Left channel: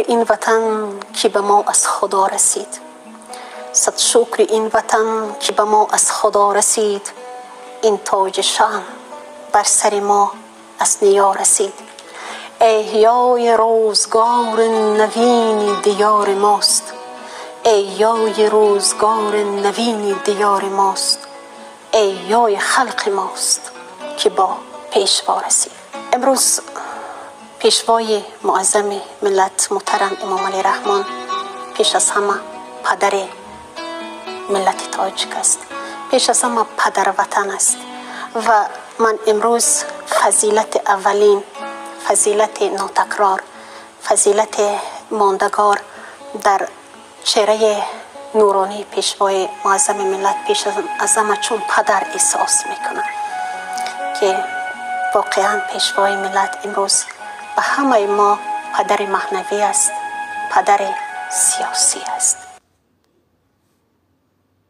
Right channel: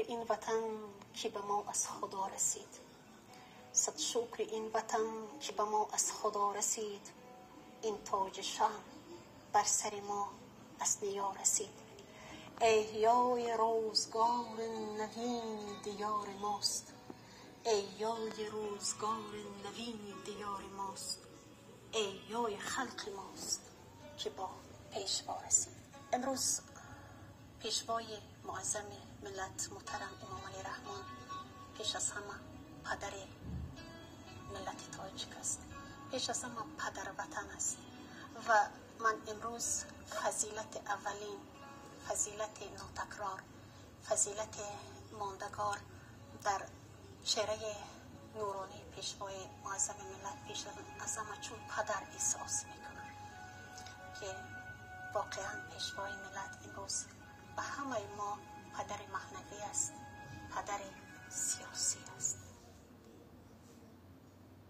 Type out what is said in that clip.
شکر این وطن که به ما از خدا رسید، صد شکر این وطن که به ما از خدا رسید. این تاج شان بر سر ما از نیا رسید. احیای روزگار نوین دیار ماست، احیای روزگار نوین دیار ماست. احیای خلق ماست که با پیشوا رسید. امروز پیشوای معظم ملت محترم امام علی رحمان پیش از همه پدر ملت تاجیک است، پیش از همه پدر وطن است و من امروز فضیلت اولین، فضیلت ناتکرار، فضیلت ماندگار در چهره نورانی پیشوای معظم ملت پیش از همه چون پدر احساس میکنم که واقعا پیشوای ملت امروز به همه ما پدر معنوی است، پدر سیاسی است.